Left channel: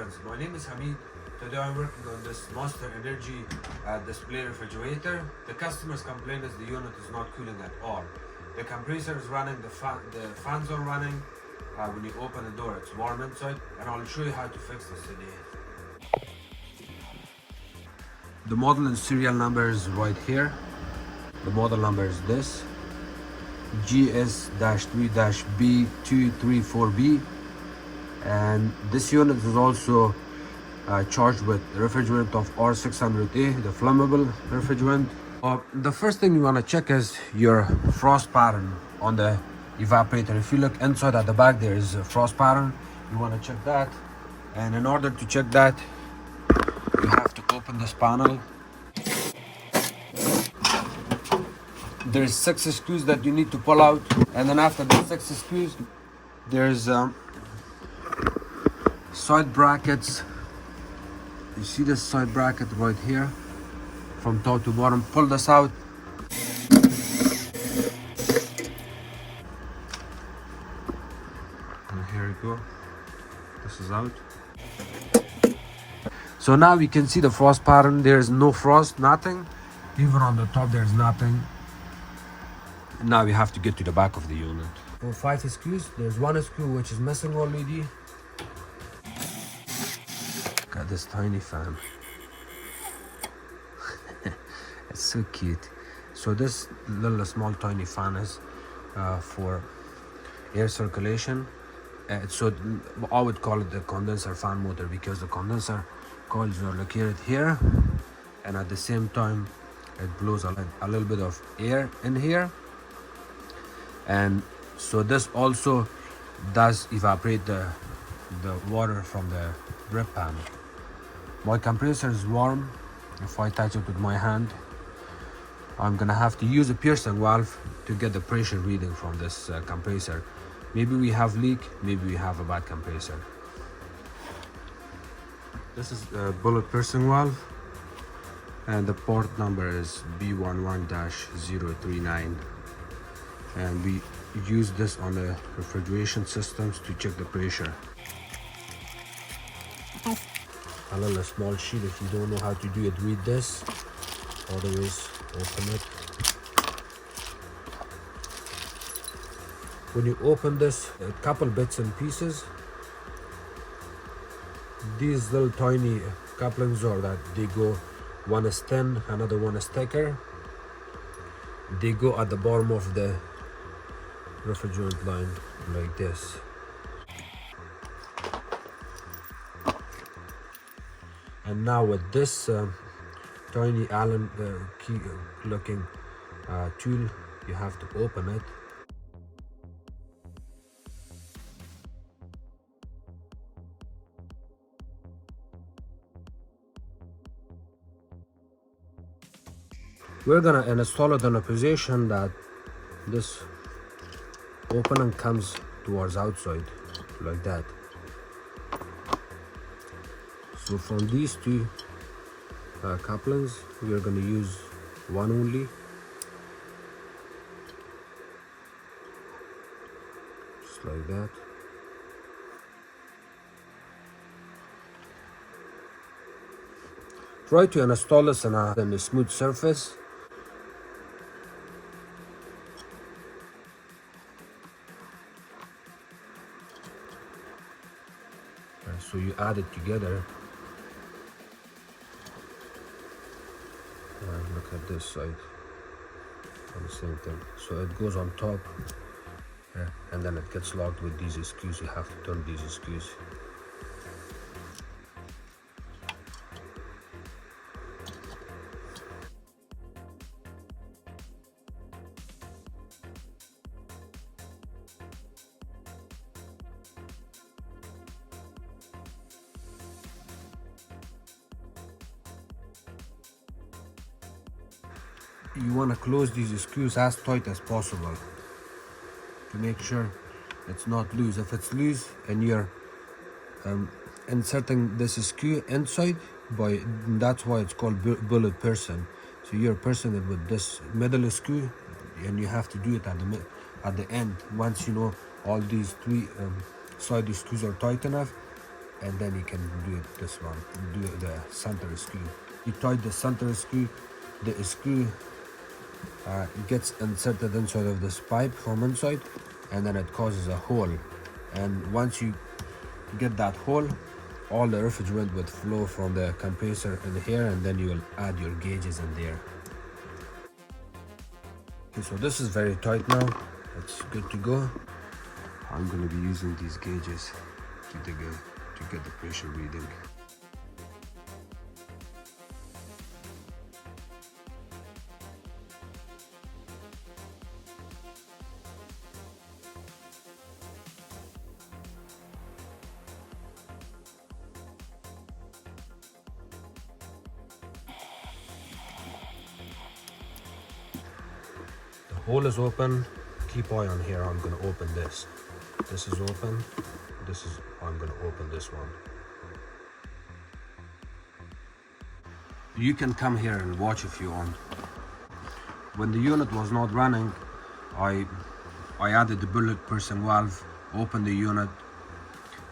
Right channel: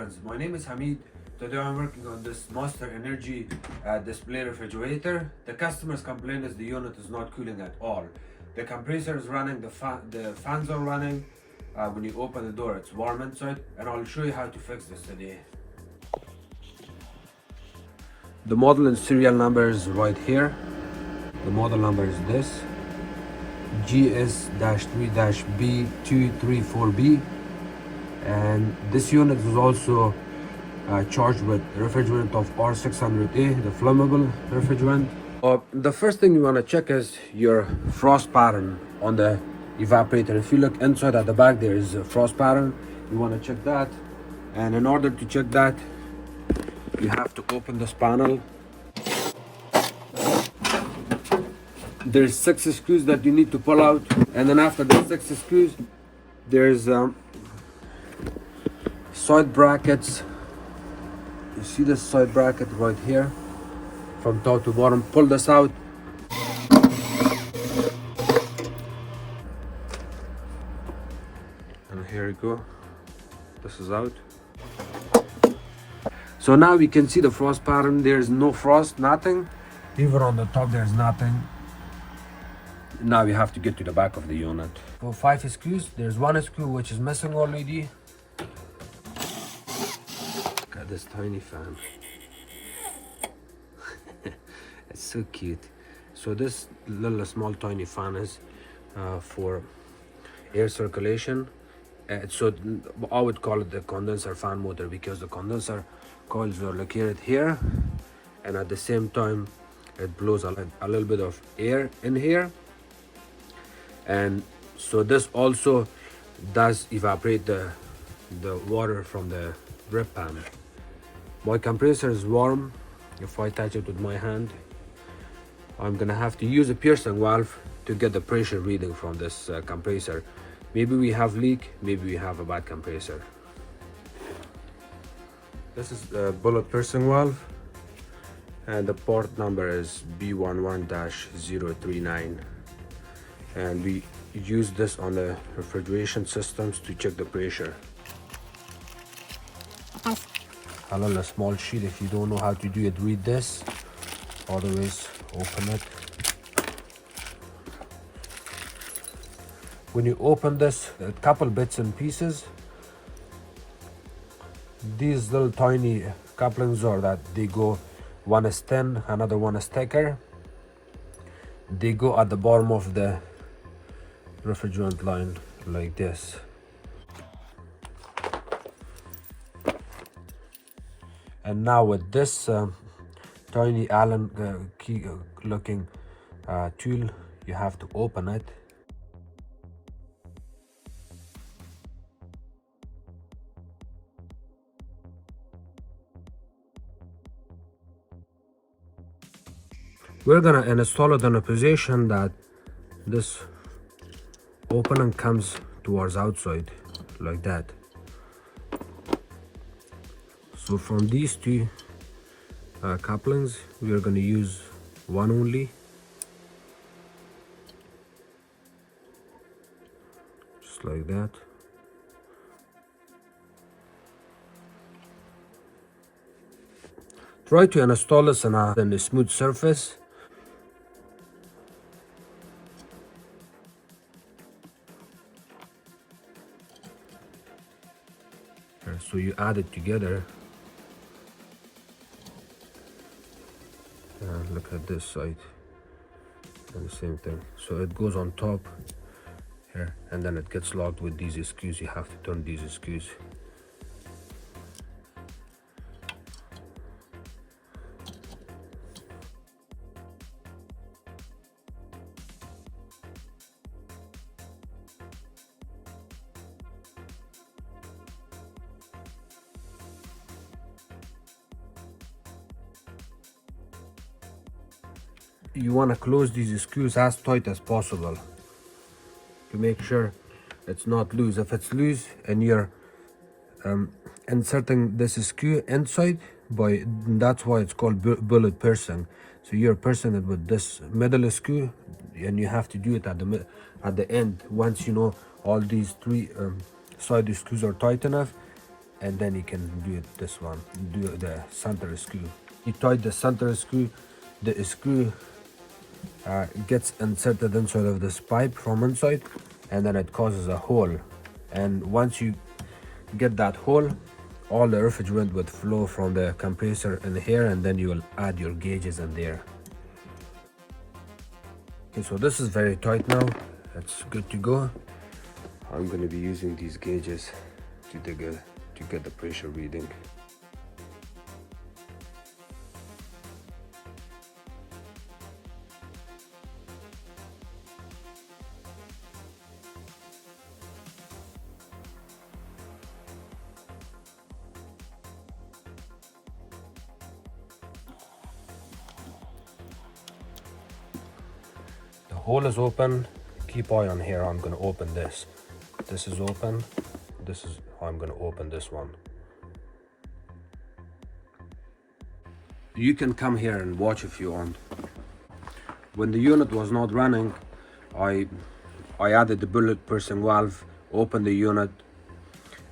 friends, my name is Hamid. Today I'm working on this Monster Energy display refrigerator. The customer's complaint is the unit is not cooling at all. The compressor is running, the fans are running. When you open the door it's warm inside, and I'll show you how to fix this today. The model and serial number is right here. The model number is this, GS-3-B234B, and this unit is also charged with refrigerant of R600A, the flammable refrigerant. The first thing you want to check is your frost pattern on the evaporator. If you look inside at the back, there is a frost pattern. You want to check that, and in order to check that, you have to open this panel. There's 6 screws that you need to pull out, and then after the 6 screws there's side brackets. You see this side bracket right here from top to bottom. Pull this out. And here you go, this is out. So now we can see the frost pattern. There's no frost, nothing. Even on the top there's nothing. Now we have to get to the back of the unit. For 5 screws, there's 1 screw which is missing already. Got this tiny fan. It's so cute. So this little small tiny fan is for air circulation. So I would call it the condenser fan motor, because the condenser coils are located here, and at the same time it blows a little bit of air in here. And so this also does evaporate the water from the drip pan. My compressor is warm. If I touch it with my hand, I'm gonna have to use a piercing valve to get the pressure reading from this compressor. Maybe we have leak, maybe we have a bad compressor. This is a bullet piercing valve, and the port number is B11-039. And we use this on the refrigeration systems to check the pressure. A little small sheet. If you don't know how to do it, read this. Otherwise, open it. When you open this, a couple bits and pieces. These little tiny couplings are that they go, one is thin, another one is thicker. They go at the bottom of the refrigerant line like this. And now with this tiny Allen key looking tool, you have to open it. We're gonna install it in a position that this opening comes towards outside like that. So from these two couplings, we are going to use one only. Just like that. Try to install this on a smooth surface. So you add it together. Look at this side, and the same thing. So it goes on top here, and then it gets locked with these screws. You have to turn these screws. You want to close these screws as tight as possible to make sure it's not loose. If it's loose and you're inserting this screw inside, that's why it's called bullet piercing. So you're piercing it with this middle screw, and you have to do it at the end. Once you know all these 3 side screws are tight enough, and then you can do it this one. You do the center screw. You tighten the center screw. The screw gets inserted inside of this pipe from inside, and then it causes a hole. And once you get that hole, all the refrigerant would flow from the compressor in here, and then you will add your gauges in there. Okay, so this is very tight now. It's good to go. I'm going to be using these gauges to get the pressure reading. Hole is open. Keep eye on here. I'm going to open this. This is open. This is I'm going to open this one. You can come here and watch if you want. When the unit was not running, I added the bullet piercing valve, opened the unit,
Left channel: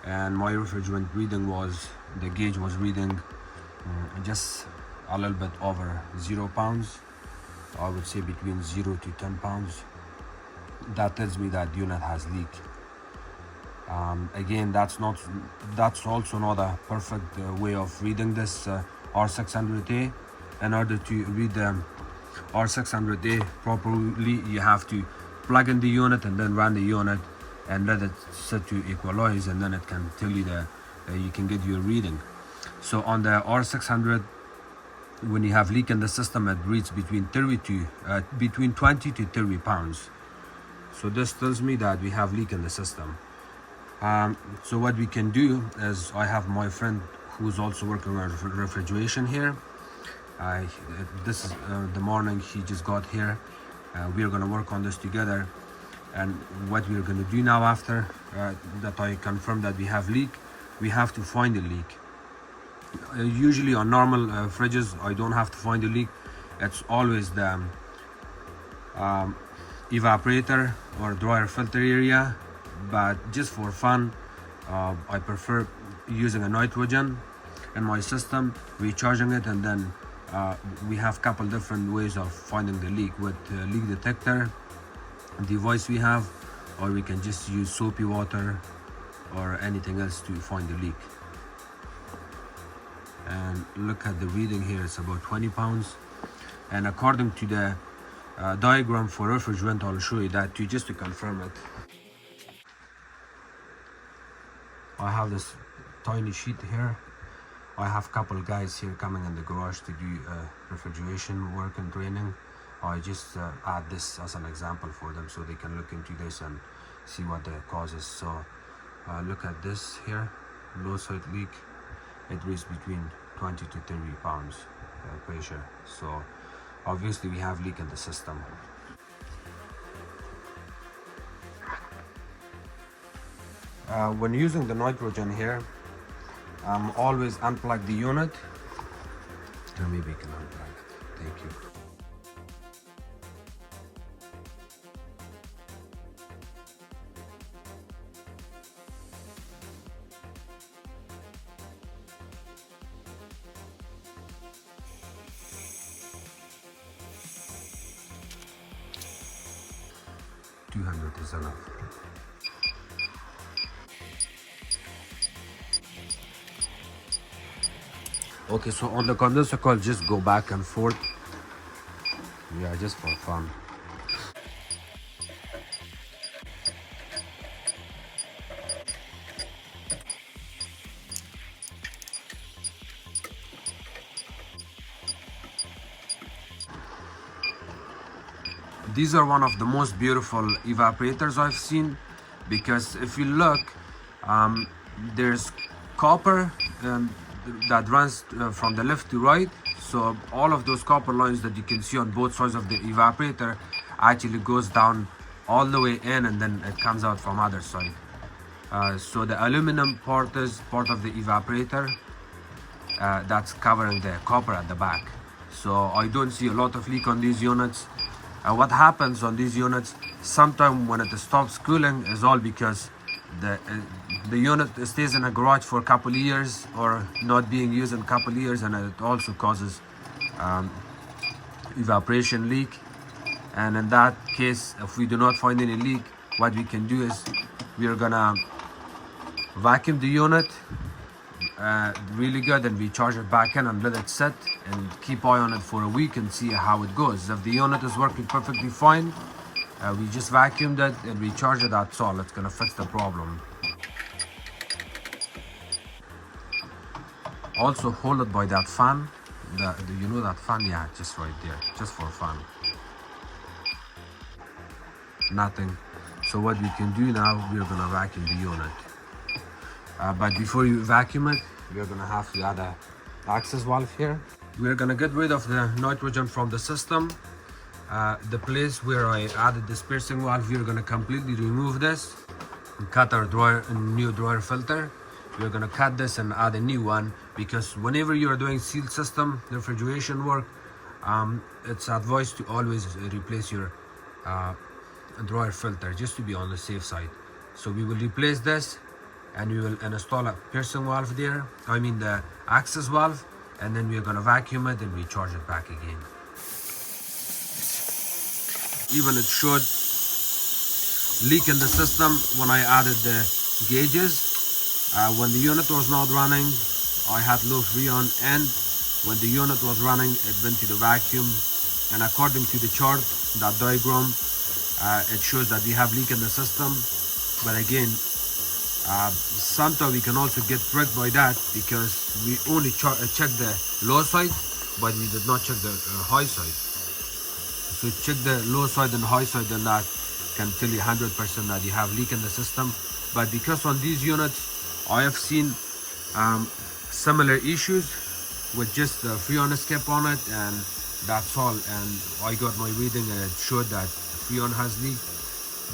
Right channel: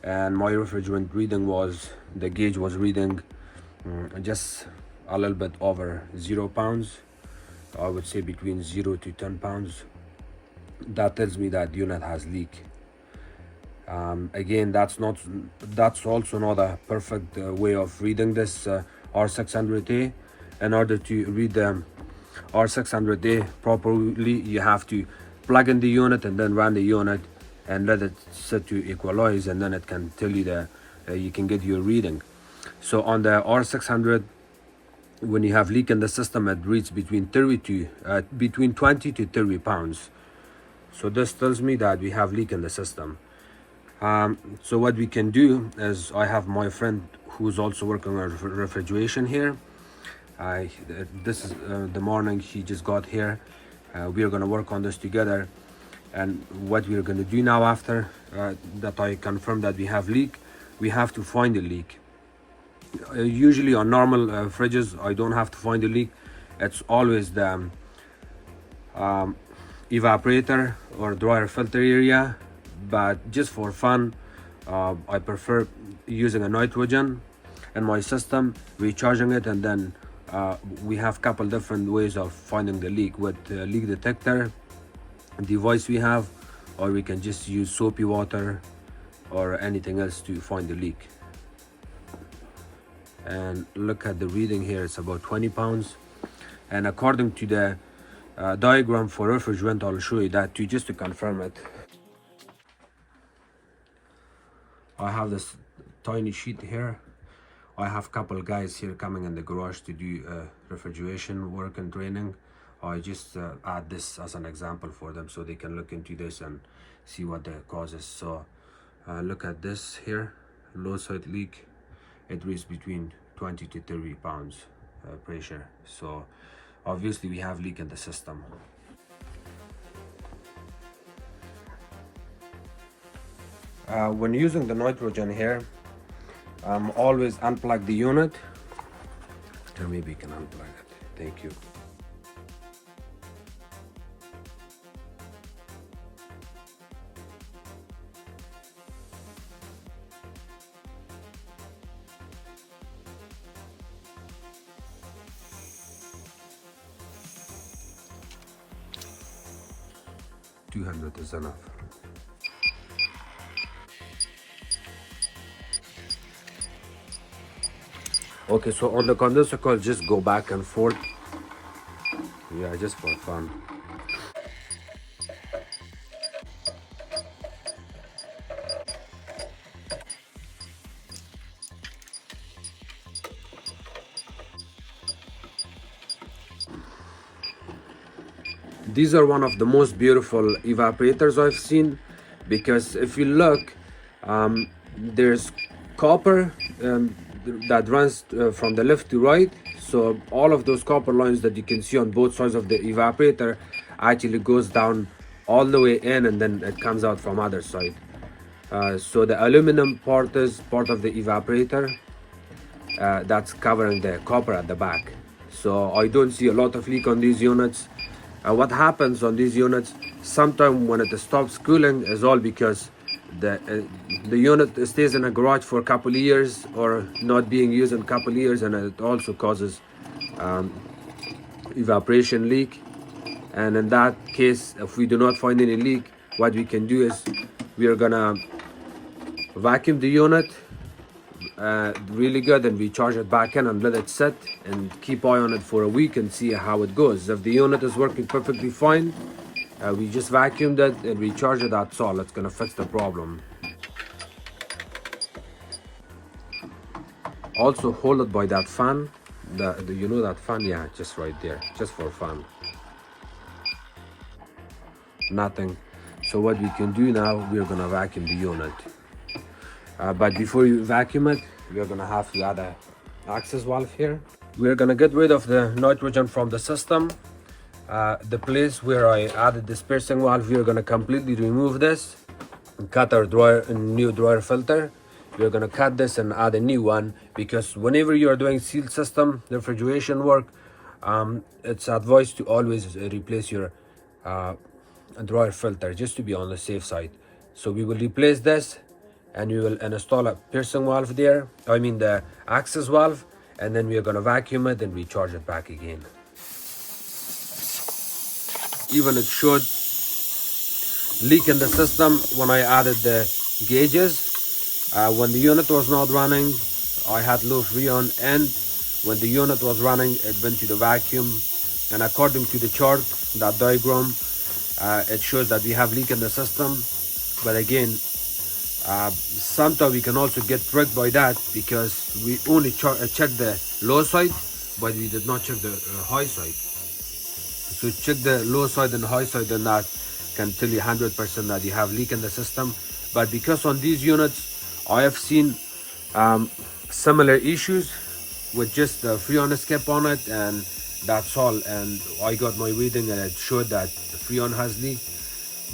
and my refrigerant reading was, the gauge was reading just a little bit over 0 pounds. I would say between 0 to 10 pounds. That tells me that unit has leak. Again, that's also not a perfect way of reading this R600A. In order to read the R600A properly, you have to plug in the unit and then run the unit and let it set to equalize, and then it can tell you you can get your reading. So on the R600, when you have leak in the system, it reads between 20 to 30 pounds. So this tells me that we have leak in the system. So what we can do is, I have my friend who's also working on refrigeration here. This is the morning he just got here. We are going to work on this together. And what we are going to do now, after that I confirm that we have leak, we have to find the leak. Usually on normal fridges, I don't have to find a leak. It's always the evaporator or dryer filter area, but just for fun, I prefer using a nitrogen in my system, recharging it, and then we have a couple different ways of finding the leak with leak detector device we have, or we can just use soapy water or anything else to find the leak. And look at the reading here, it's about 20 pounds. And according to the diagram for refrigerant, I'll show you that too, just to confirm it. I have this tiny sheet here. I have a couple guys here coming in the garage to do refrigeration work and training. I just add this as an example for them so they can look into this and see what the cause is. So look at this here, low side leak. It reads between 20 to 30 pounds pressure. So obviously we have leak in the system. When using the nitrogen here, always unplug the unit. Maybe you can unplug it. Thank you. $200 is enough. Okay, so on the condenser coil, just go back and forth. Yeah, just for fun. These are one of the most beautiful evaporators I've seen, because if you look, there's copper that runs from the left to right. So all of those copper lines that you can see on both sides of the evaporator actually goes down all the way in, and then it comes out from other side. So the aluminum part is part of the evaporator that's covering the copper at the back. So I don't see a lot of leak on these units. What happens on these units, sometimes when it stops cooling, is all because the unit stays in a garage for a couple of years or not being used in a couple of years, and it also causes evaporation leak. And in that case, if we do not find any leak, what we can do is we are gonna vacuum the unit really good, and we charge it back in and let it sit and keep eye on it for a week and see how it goes. If the unit is working perfectly fine, we just vacuumed it and we charge it. That's all. It's gonna fix the problem. Also hold it by that fan, you know that fan, yeah, just right there, just for fun, nothing. So what we can do now, we're gonna vacuum the unit, but before you vacuum it, we're gonna have to add a access valve here. We're gonna get rid of the nitrogen from the system. The place where I added this piercing valve, we're gonna completely remove this and cut our new dryer filter. We're gonna cut this and add a new one, because whenever you are doing sealed system refrigeration work, it's advised to always replace your dryer filter, just to be on the safe side. So we will replace this and we will install a piercing valve there, I mean the access valve, and then we are gonna vacuum it and recharge it back again. Even it showed leak in the system when I added the gauges. When the unit was not running, I had low freon, and when the unit was running, it went to the vacuum, and according to the chart, that diagram, it shows that we have leak in the system. But again, sometimes we can also get tricked by that, because we only check the low side, but we did not check the high side. So check the low side and high side, and that can tell you 100% that you have leak in the system. But because on these units, I have seen similar issues with just the freon skip on it, and that's all. And I got my reading and it showed that the freon has leaked.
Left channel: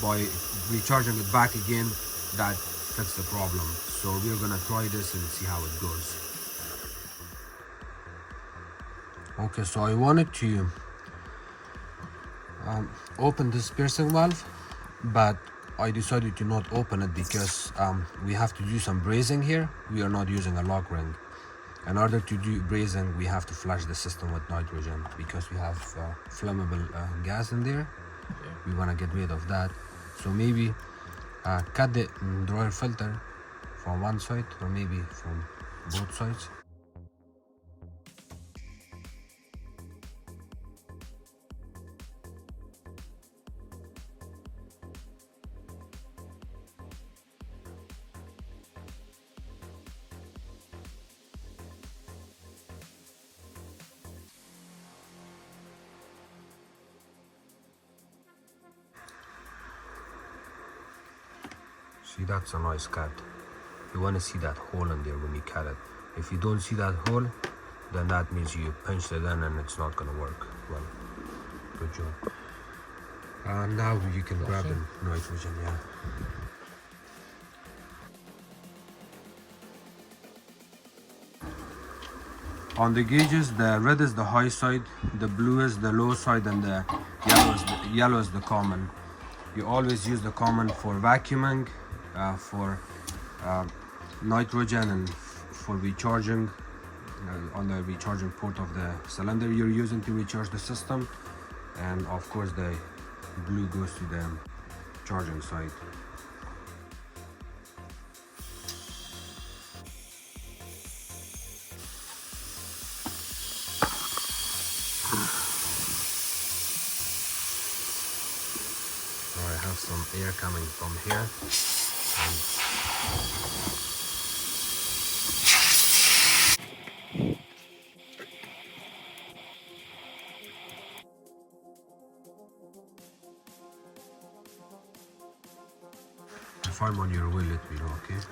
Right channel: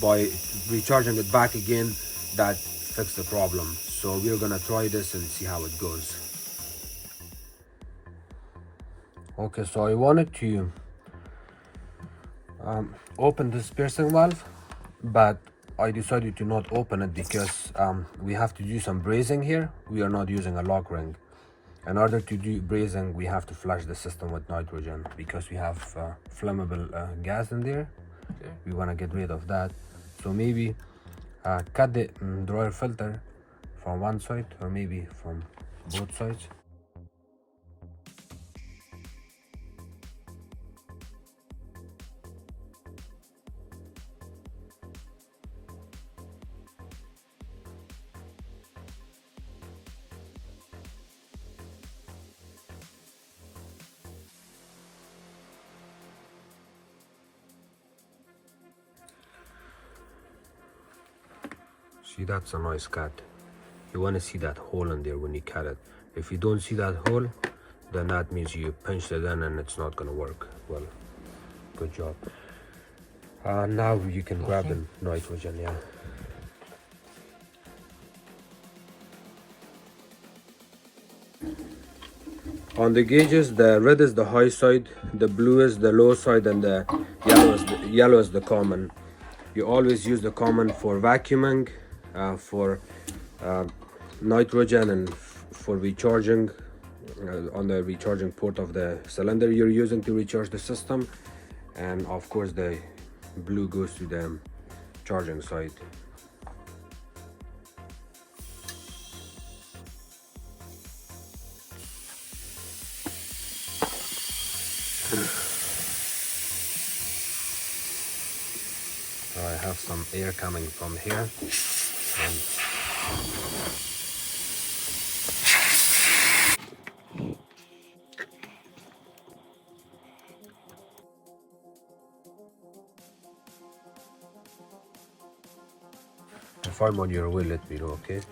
By recharging it back again, that fixed the problem. So we're gonna try this and see how it goes. Okay, so I wanted to open this piercing valve, but I decided to not open it because we have to do some brazing here. We are not using a lock ring. In order to do brazing, we have to flush the system with nitrogen, because we have flammable gas in there. We want to get rid of that. So maybe cut the dryer filter from one side, or maybe from both sides. See, that's a nice cut. You want to see that hole in there when you cut it. If you don't see that hole, then that means you pinched it in and it's not going to work. Well, good job. Now you can grab the nitrogen, yeah. On the gauges, the red is the high side, the blue is the low side, and the yellow is the common. You always use the common for vacuuming, for nitrogen, and for recharging on the recharging port of the cylinder you're using to recharge the system. And of course the blue goes to the charging side. I have some air coming from here. If I'm on your way, let me know, okay? Okay.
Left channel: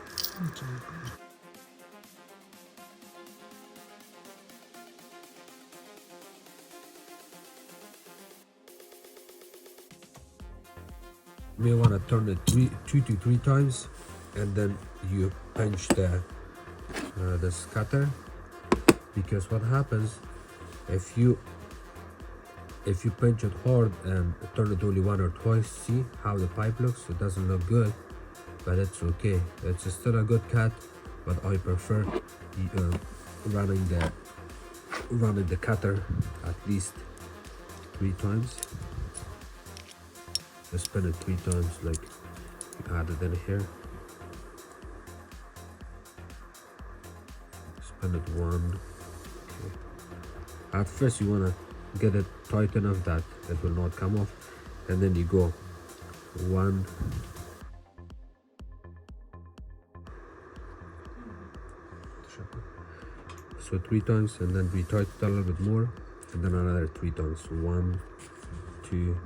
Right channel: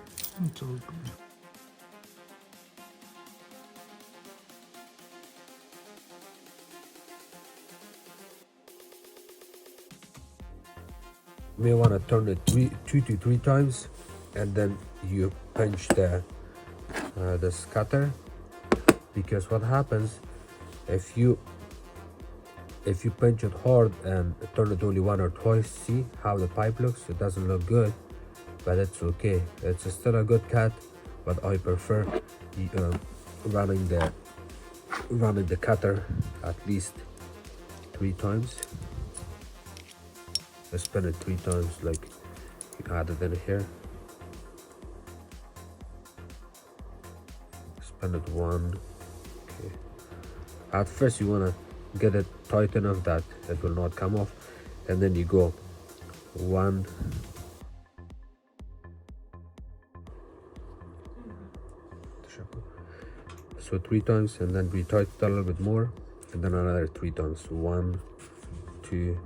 You may want to turn it 2 to 3 times, and then you pinch the scatter, because what happens if you pinch it hard and turn it only 1 or twice, see how the pipe looks? It doesn't look good. but it's okay. It's still a good cut, but I prefer running the cutter at least 3 times. I spin it 3 times, like you add it in here. Spin it 1. Okay. At first you wanna get it tight enough that it will not come off, and then you go 1. So 3 times, and then we tighten it a little bit more, and then another 3 times. 1, 2,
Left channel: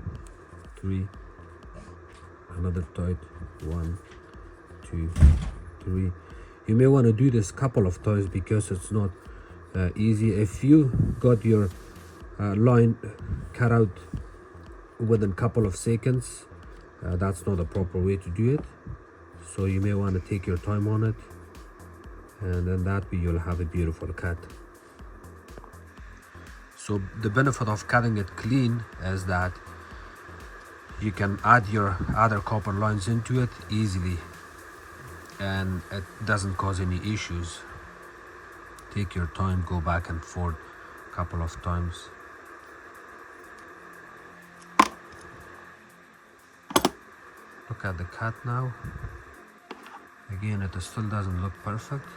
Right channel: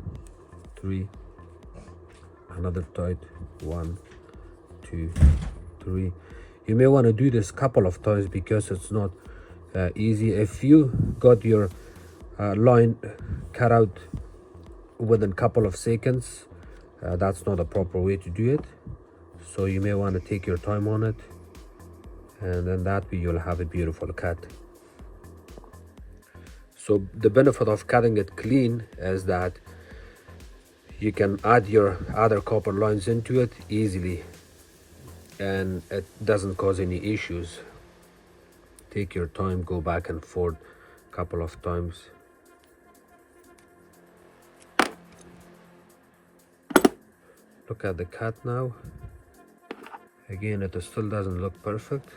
3. Another tight. 1, 2, 3. You may want to do this couple of times because it's not easy. If you got your line cut out within a couple of seconds, that's not a proper way to do it. So you may want to take your time on it, and then that way you'll have a beautiful cut. So the benefit of cutting it clean is that you can add your other copper lines into it easily, and it doesn't cause any issues. Take your time, go back and forth a couple of times. Look at the cut now. Again, it still doesn't look perfect,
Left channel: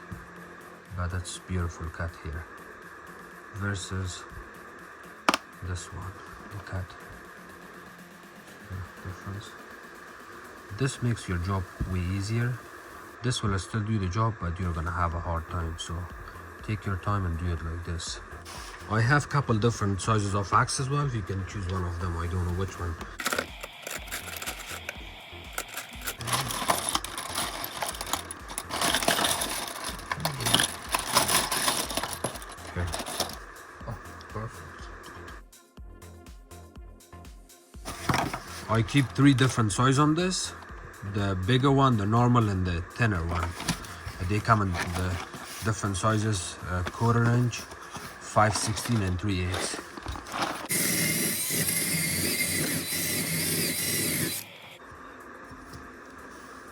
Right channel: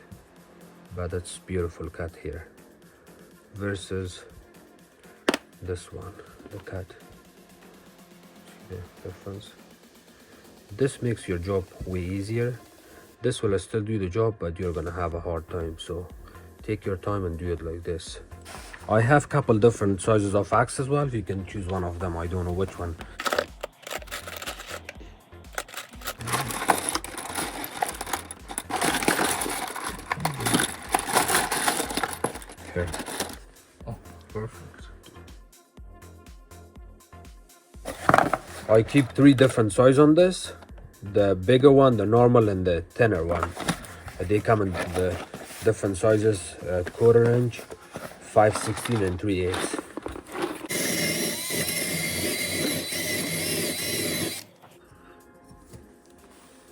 but it's beautiful cut here versus this one. Look at the difference. This makes your job way easier. This will still do the job, but you're gonna have a hard time. So take your time and do it like this. I have a couple different sizes of axe as well. You can choose one of them. I don't know which one. Okay. Oh, perfect. I keep 3 different sizes on this. The bigger one, the normal, and the thinner one. They come in the different sizes, 1/4 inch, 5/16, and 3/8.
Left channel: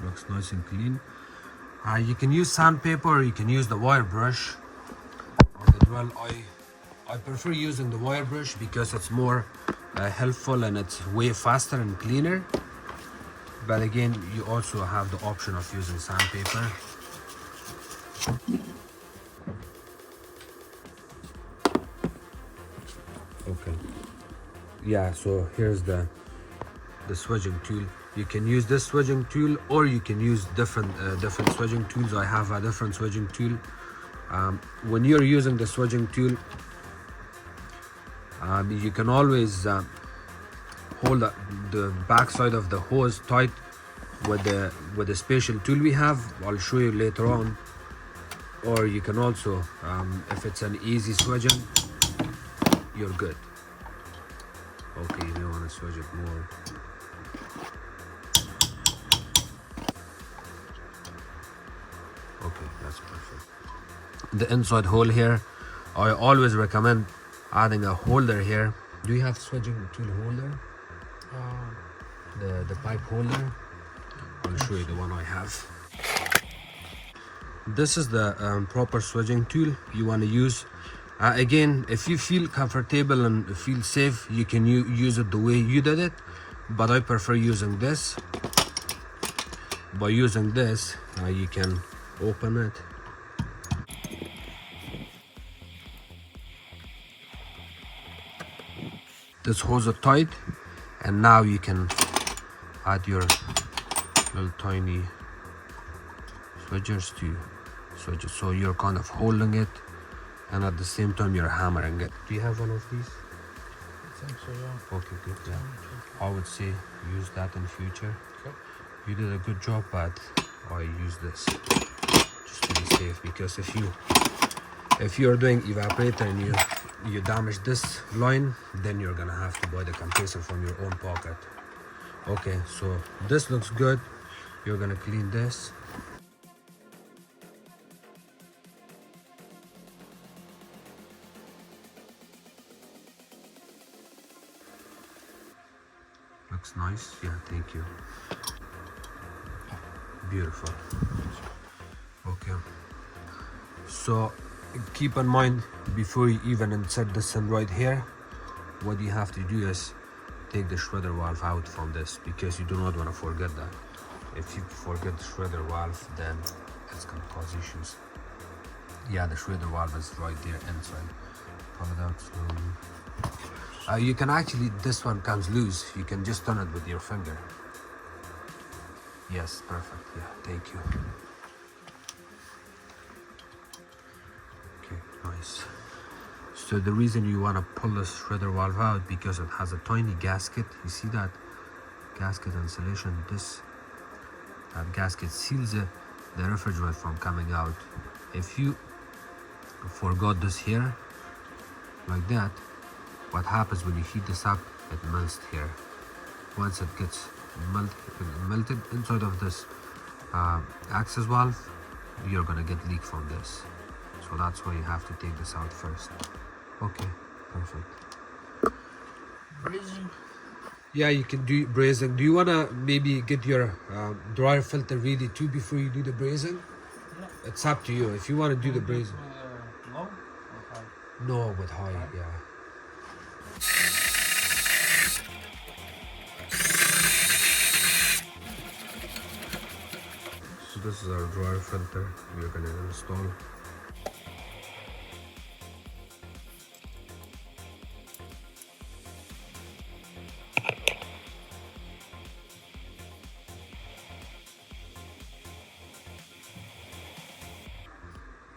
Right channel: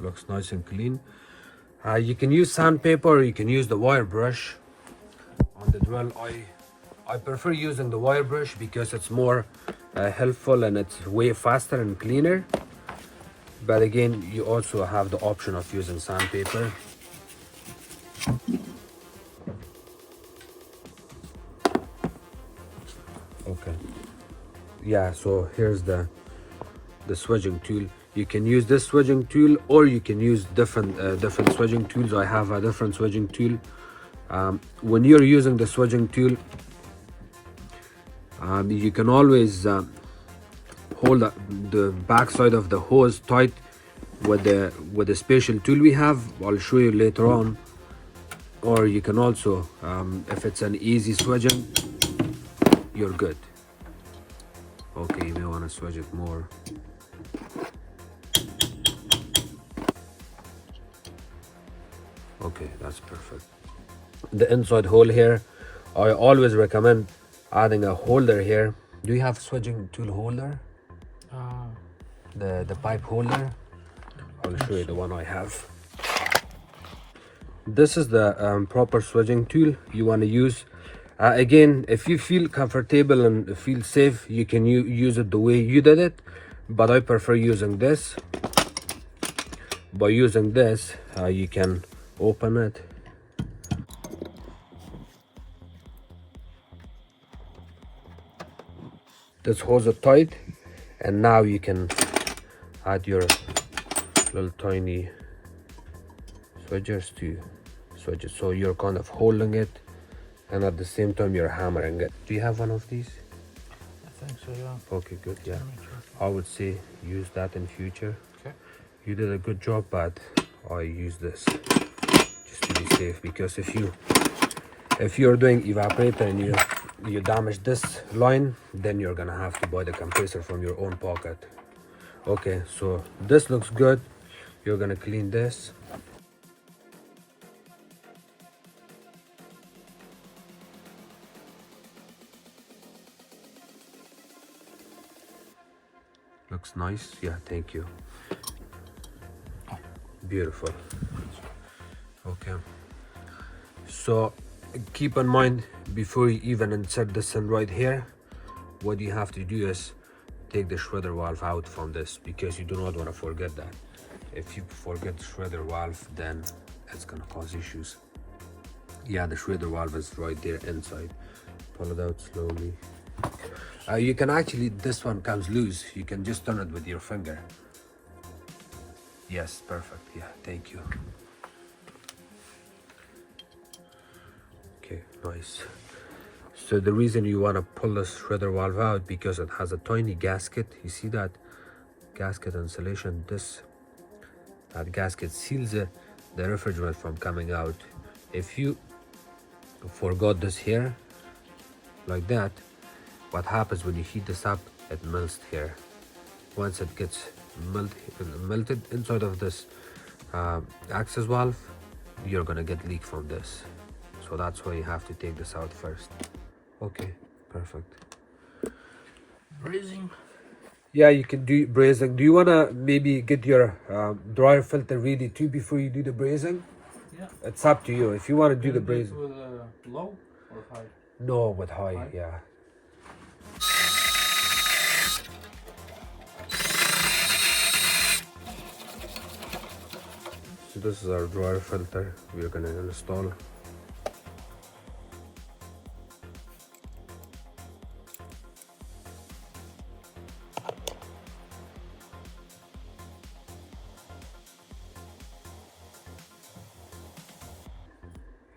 Looks nice and clean. You can use sandpaper, or you can use the wire brush on the drill. I prefer using the wire brush because it's more helpful and it's way faster and cleaner. But again, you also have the option of using sandpaper. Okay. Yeah, so here's the swedging tool. You can use this swedging tool, or you can use different swedging tools. I have a different swedging tool. When you're using the swedging tool, you can always hold the back side of the hose tight with the special tool we have. I'll show you later on. Or you can also, if it's an easy swedging, you're good. Okay, you may want to swedge it more. Okay, that's perfect. The inside hole here, I always recommend adding a holder here. Do you have swedging tool holder? The pipe holder? I'll show you the one I have. This is the proper swedging tool you want to use. Again, if you feel comfortable and feel safe, you can use it the way you did it, but I prefer using this. By using this, you can open it. This holds it tight, and now you can add your little tiny swedgers to swedge it. So you're kind of holding it, and at the same time you're hammering it. Do you have one of these? I think so, yeah. Okay, good. Yeah, I would say use that in future. Okay. You did a good job, but I use this just to be safe, because if you're doing evaporator and you damage this line, then you're gonna have to buy the compressor from your own pocket. Okay, so this looks good. You're gonna clean this. Looks nice. Yeah, thank you. Beautiful. Okay. So keep in mind, before you even insert this in right here, what you have to do is take the shredder valve out from this, because you do not want to forget that. If you forget the shredder valve, then it's gonna cause issues. Yeah, the shredder valve is right there inside. Pull it out slowly. You can actually, this one comes loose. You can just turn it with your finger. Yes, perfect. Yeah, thank you. Okay, nice. So the reason you want to pull the shredder valve out, because it has a tiny gasket. You see that gasket insulation? That gasket seals the refrigerant from coming out. If you forgot this here, like that, what happens when you heat this up, it melts here. Once it gets melted inside of this access valve, you're gonna get leak from this. So that's why you have to take this out first. Okay, perfect. Brazing. Yeah, you can do brazing. Do you wanna maybe get your dryer filter ready too before you do the brazing? Yeah. It's up to you. If you want to do the brazing. With low or high? No, with high, High? yeah. So this is our dryer filter we're gonna install.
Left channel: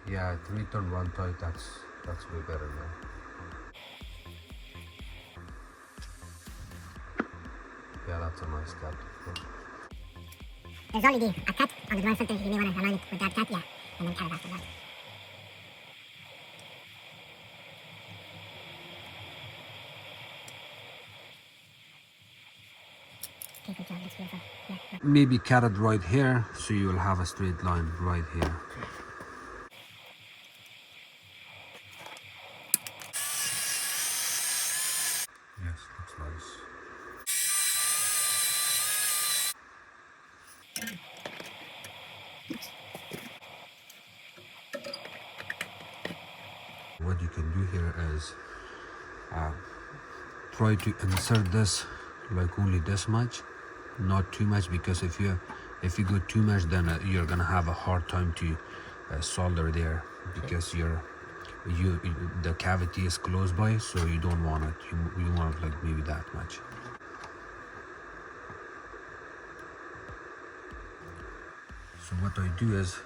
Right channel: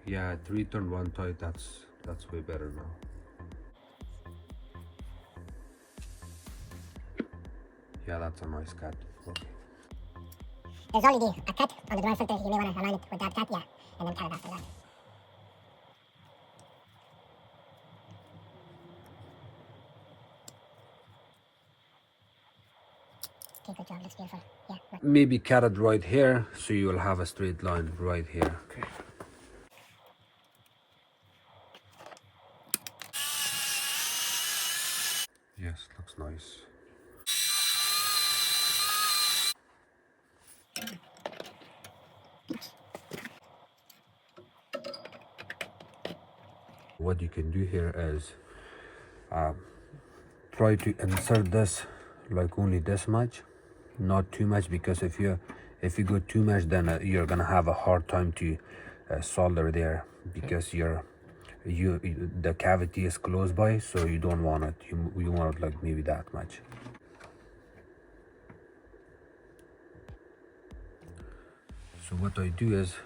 Yeah, 3 turn 1 tight, that's way better now. Yeah, that's a nice cut. There's already a cut on the dryer filter. You may want to align it with that cut, yeah, and then cut it after that. Okay, good job. That's beautiful. Yeah. Maybe cut it right here, so you will have a straight line right here. Okay. Yes, looks nice. What you can do here is try to insert this like only this much, not too much, because if you go too much, then you're gonna have a hard time to solder there, because the cavity is close by, so you don't want it. You want it like maybe that much. So what I do is,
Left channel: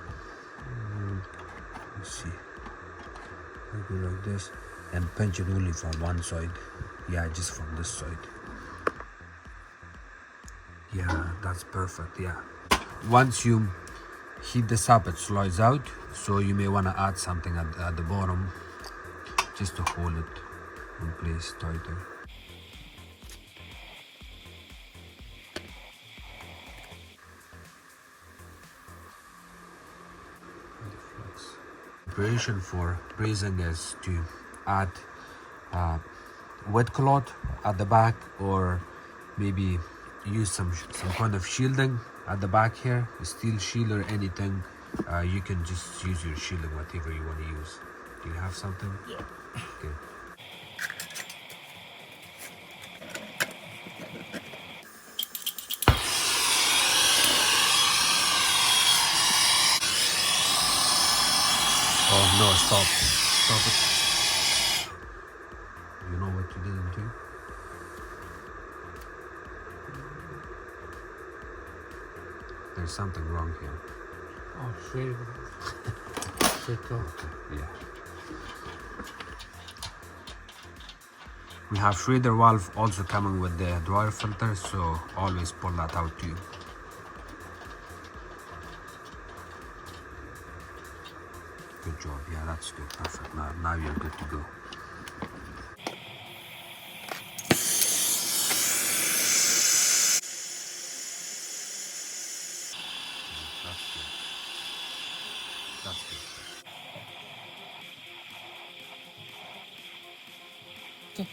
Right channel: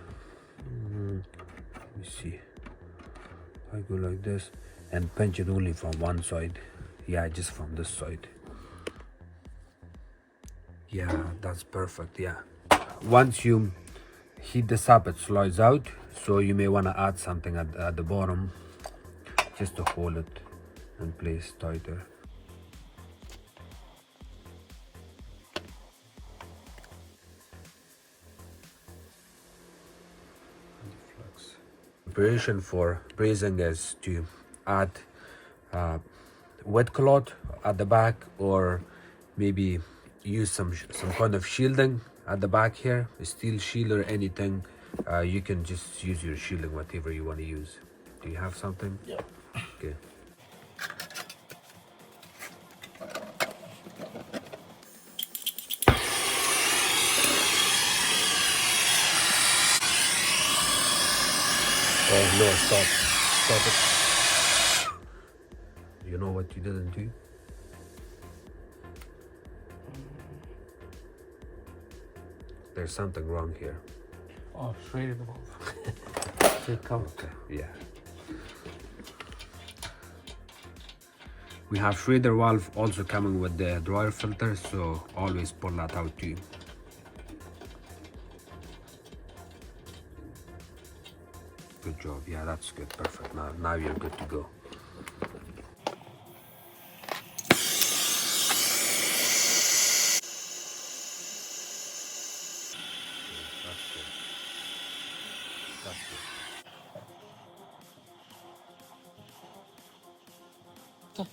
let me see, I go like this and pinch it only from one side. Yeah, just from this side. Yeah, that's perfect. Yeah, once you heat this up, it slides out, so you may want to add something at the bottom just to hold it in place tighter. Preparation for brazing is to add wet cloth at the back, or maybe use some kind of shielding at the back here, a steel shield or anything. You can just use your shielding, whatever you want to use. Do you have something? Yeah. Good. Oh no, stop it. You know what you didn't do? There's something wrong here. Oh, free. Free top. Okay, yeah. We have shredder valve also coming with the dryer filter, so always pull that out too. Good job. Yeah, that's good. Perfect. Now you're good to go. That's good. That's good.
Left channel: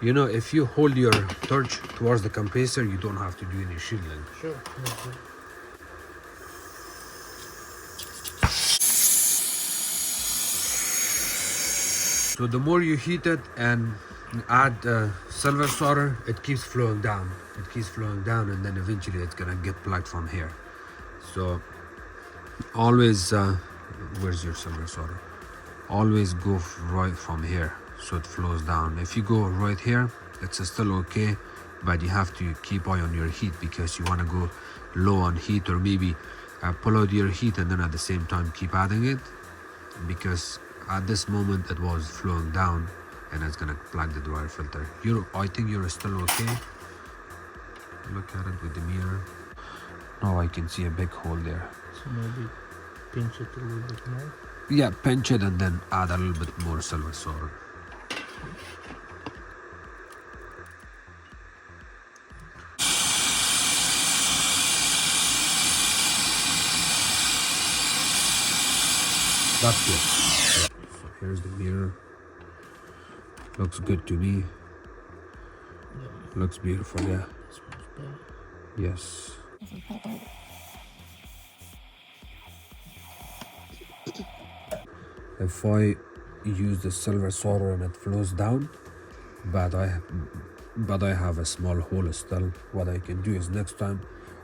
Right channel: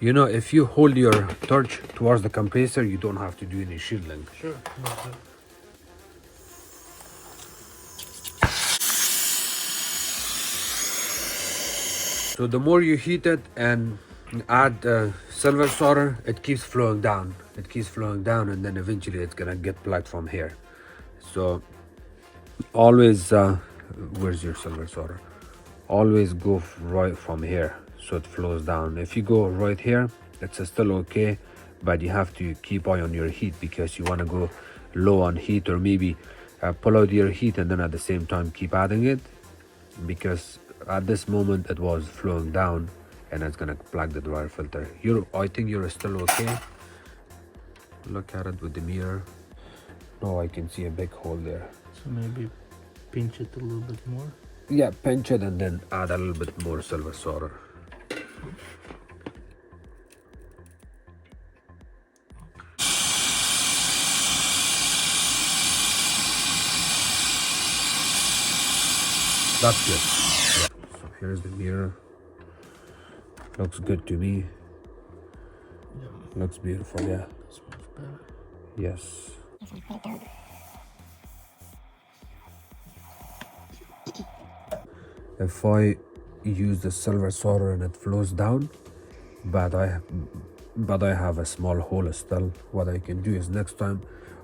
You know, if you hold your torch towards the compressor, you don't have to do any shielding. Sure. Okay. So the more you heat it and add silver solder, it keeps flowing down. It keeps flowing down, and then eventually it's gonna get plugged from here. So always, where's your silver solder? Always go right from here, so it flows down. If you go right here, it's still okay, but you have to keep eye on your heat because you want to go low on heat, or maybe pull out your heat and then at the same time keep adding it, because at this moment it was flowing down and it's gonna plug the dryer filter. I think you're still okay. Look at it with the mirror. No, I can see a big hole there. So maybe pinch it a little bit more. Yeah, pinch it and then add a little bit more silver solder. That's good. So here's the mirror. Looks good to me. Looks beautiful, yeah. This one's better. Yes. If I use the silver solder and it flows down, but I have a small hole still, what I can do is next time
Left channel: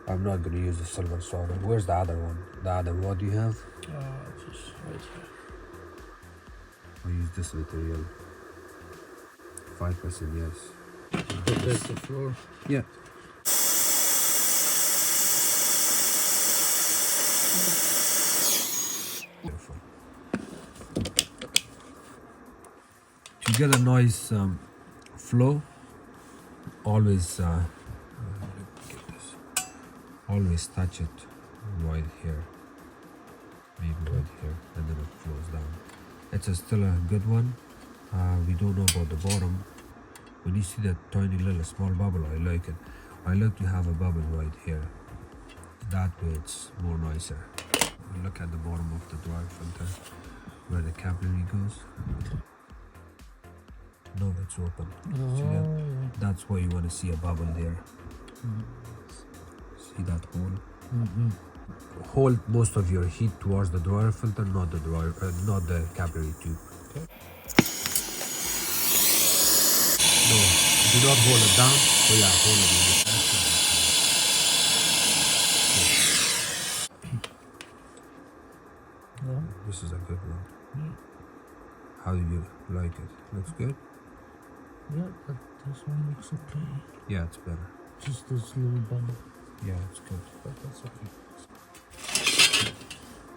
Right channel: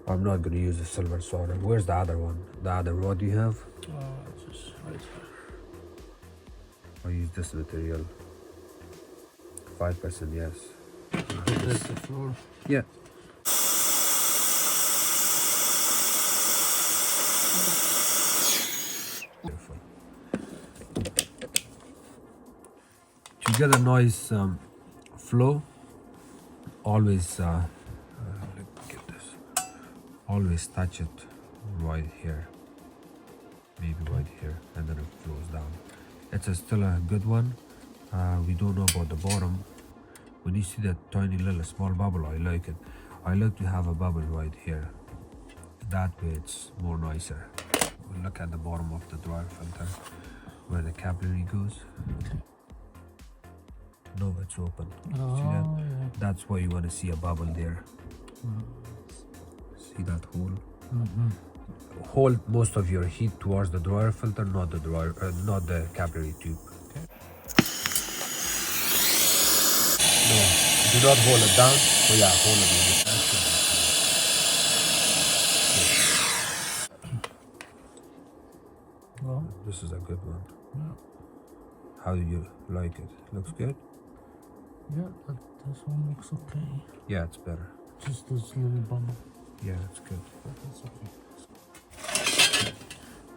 I'm not going to use the silver solder. Where's the other one? The other one do you have? Just right here. I use this material. 5%, yes. That's the floor. Yeah. Beautiful. To get a nice flow, always get this. Always touch it right here, maybe right here, and then it flows down. It's still a good one. We don't know about the bottom. When you see that tiny little small bubble, I like it. I like to have a bubble right here. That way it's more nicer. Look at the bottom of the dryer filter where the capillary goes. No, it's open. See that? That's why you want to see a bubble there. See that hole? Hold most of your heat towards the dryer filter, not the capillary tube. No, do not hold it down. Oh yeah, hold it with this. No. This is a good one. How do you like it? Looks good? Yeah, but this one looks okay. Yeah, it's better. Just this little bubble. Yeah, it's good. But that's okay.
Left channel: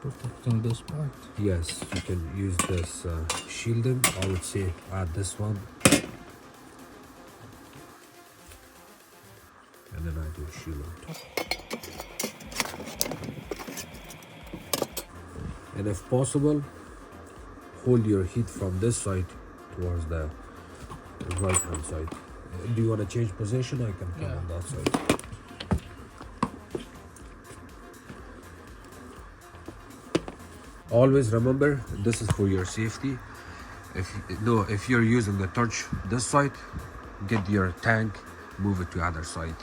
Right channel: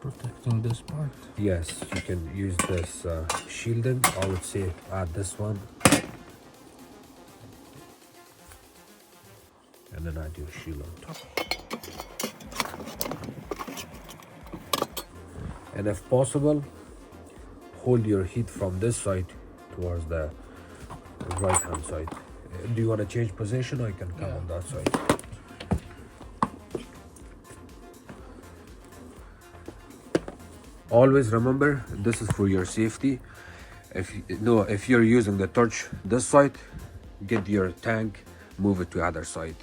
Protecting this part. Yes, you can use this shielding. I would say add this one. And then add your shield on top. And if possible, hold your heat from this side towards the right hand side. Do you want to change position? I can come on that side. Always remember, this is for your safety. If you're using the torch this side, get your tank, move it to other side.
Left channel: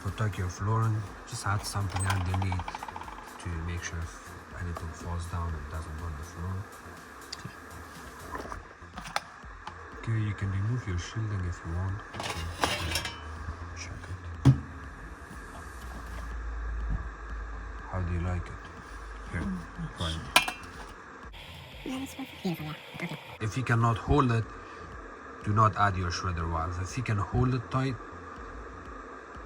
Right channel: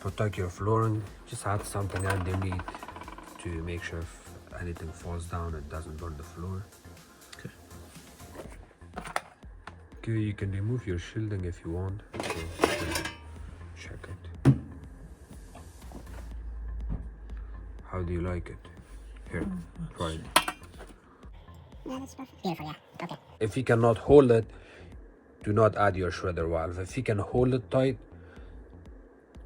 Protect your flooring. Just add something underneath to make sure if anything falls down it doesn't burn the floor. Okay, you can remove your shielding if you want. Check it. How do you like it? Here, try it. Yeah, that's perfect. Beautiful, yeah. Okay. If you cannot hold it, do not add your shredder valve. If you can hold it tight,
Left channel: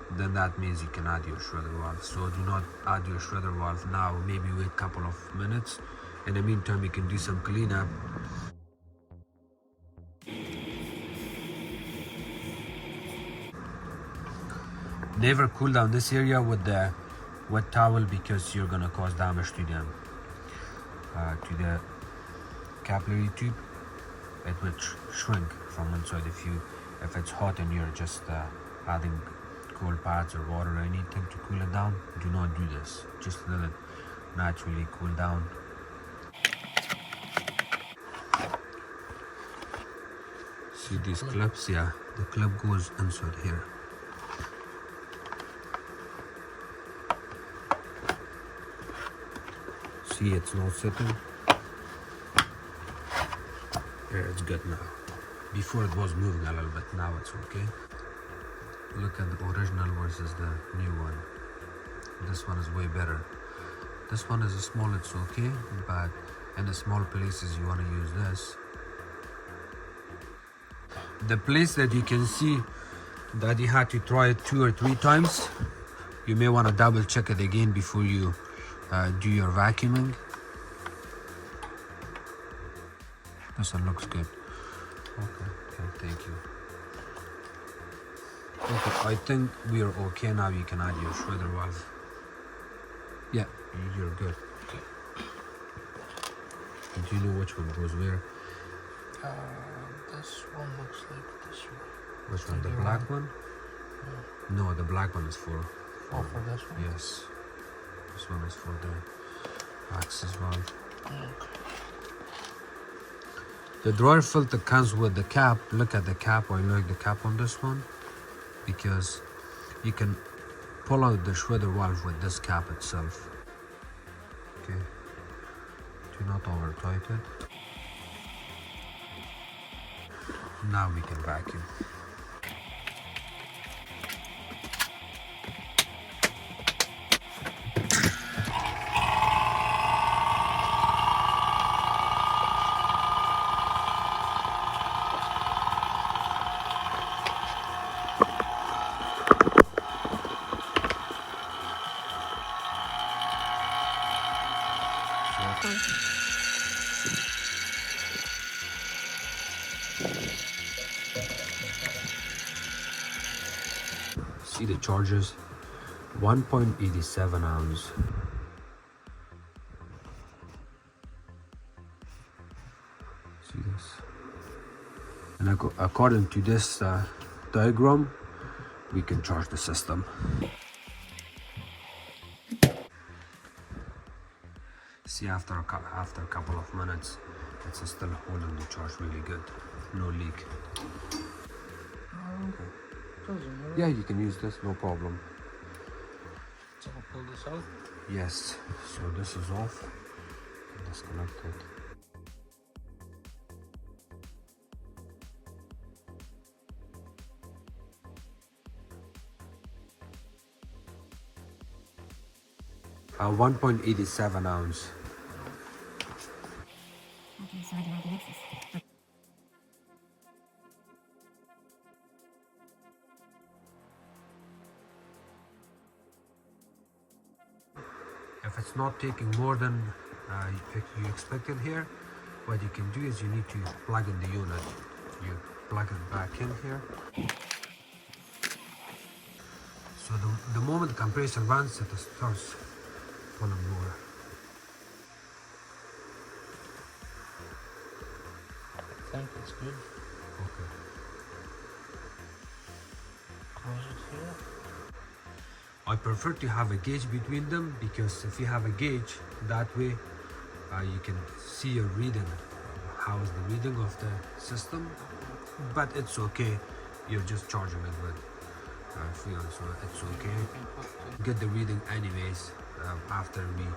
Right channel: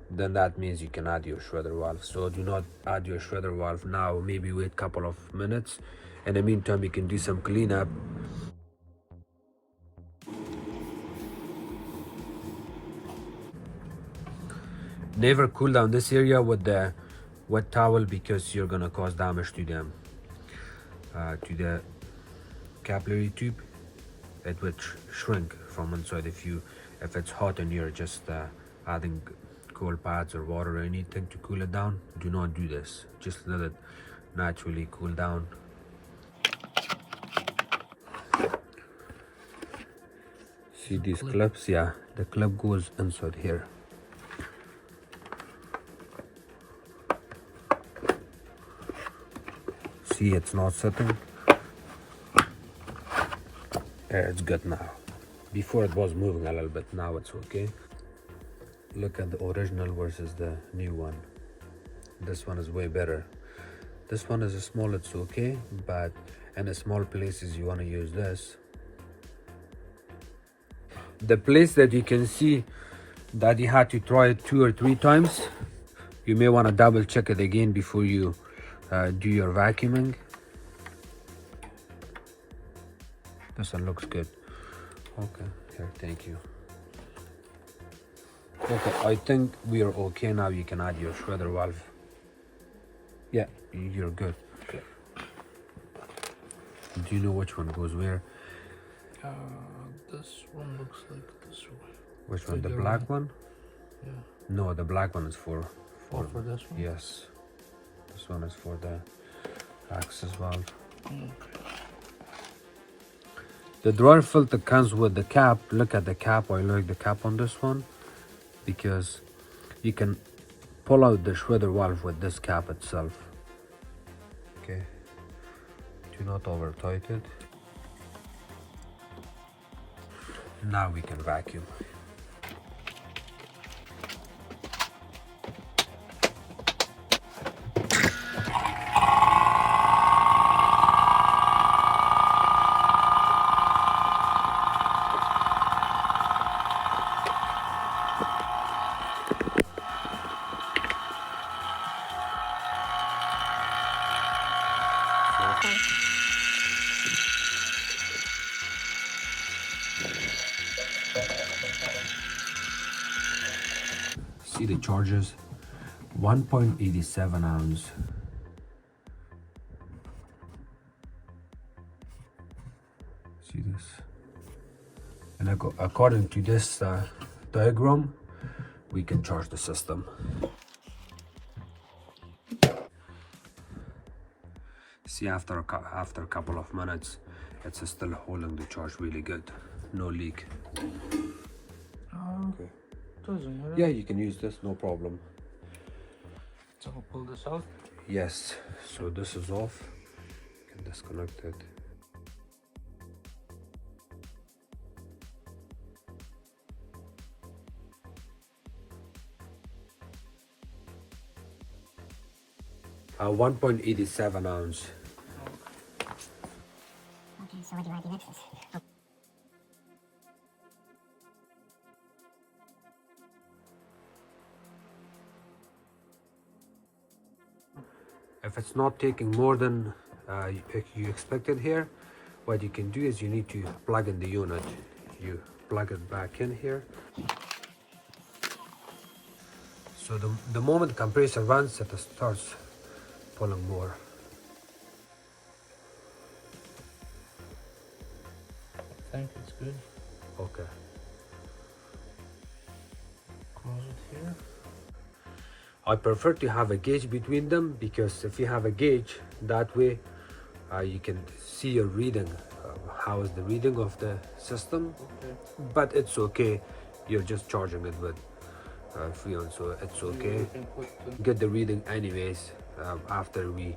then that means you can add your shredder valve. So do not add your shredder valve now. Maybe wait a couple of minutes. In the meantime, you can do some cleanup. Never cool down this area with the wet towel because you're gonna cause damage to them, to the capillary tube. It would shrink from inside if it's hot and you're just adding cold pads or water or anything to cool it down, do not do this. Just let it naturally cool down. See these clips? Yeah, the clip goes inside here. See, it's not sitting. Yeah, it's good now. Before it was moving a little bit, now it's okay. Look at the original versus the new one. This one is way better. This one is small, it's okay, but in the small places you want to use this. The place that you can see that you had to try it 2 or 3 times, you may want to double check it again before you do your vacuuming. This one looks good. Okay, thank you. Okay, I think we are okay now. You can add your shredder valve. Yeah, you're good. Okay. Do you know which one goes where? This one looks like this one. Which one? The Figure black out. one? Yeah. No, the black one is for Oh, for this one? yes. This one is for the access valve. Okay. The dryer filter comes with the cap. Look at the cap. I like the cap on this one because you can pull out the shredder valve with this cap itself. Okay. Do not over tight it. Now we can vacuum. See the charges? 1.87 ounce. See this? And according to this diagram, we can charge the system. See, after a couple of minutes, it's still holding the charge really good. No leak. Okay. Yeah, you can use this, no problem. So I'll pull this out. Yes, so this is off. Can disconnect it. A 1.87 ounce. Okay, so what do I do next? If it's not taking more than you expected here, what you can do is you need to plug in the unit. You plug it back in here. So the moment the compressor runs, it starts pulling more. I think it's good. Okay. Close it here. I prefer to have a gauge between them because if you have a gauge, that way you can see your reading. How is the reading of the system? But it's okay. You're just charging it with Freon, so it's okay. You can put the Get the reading anyways. After we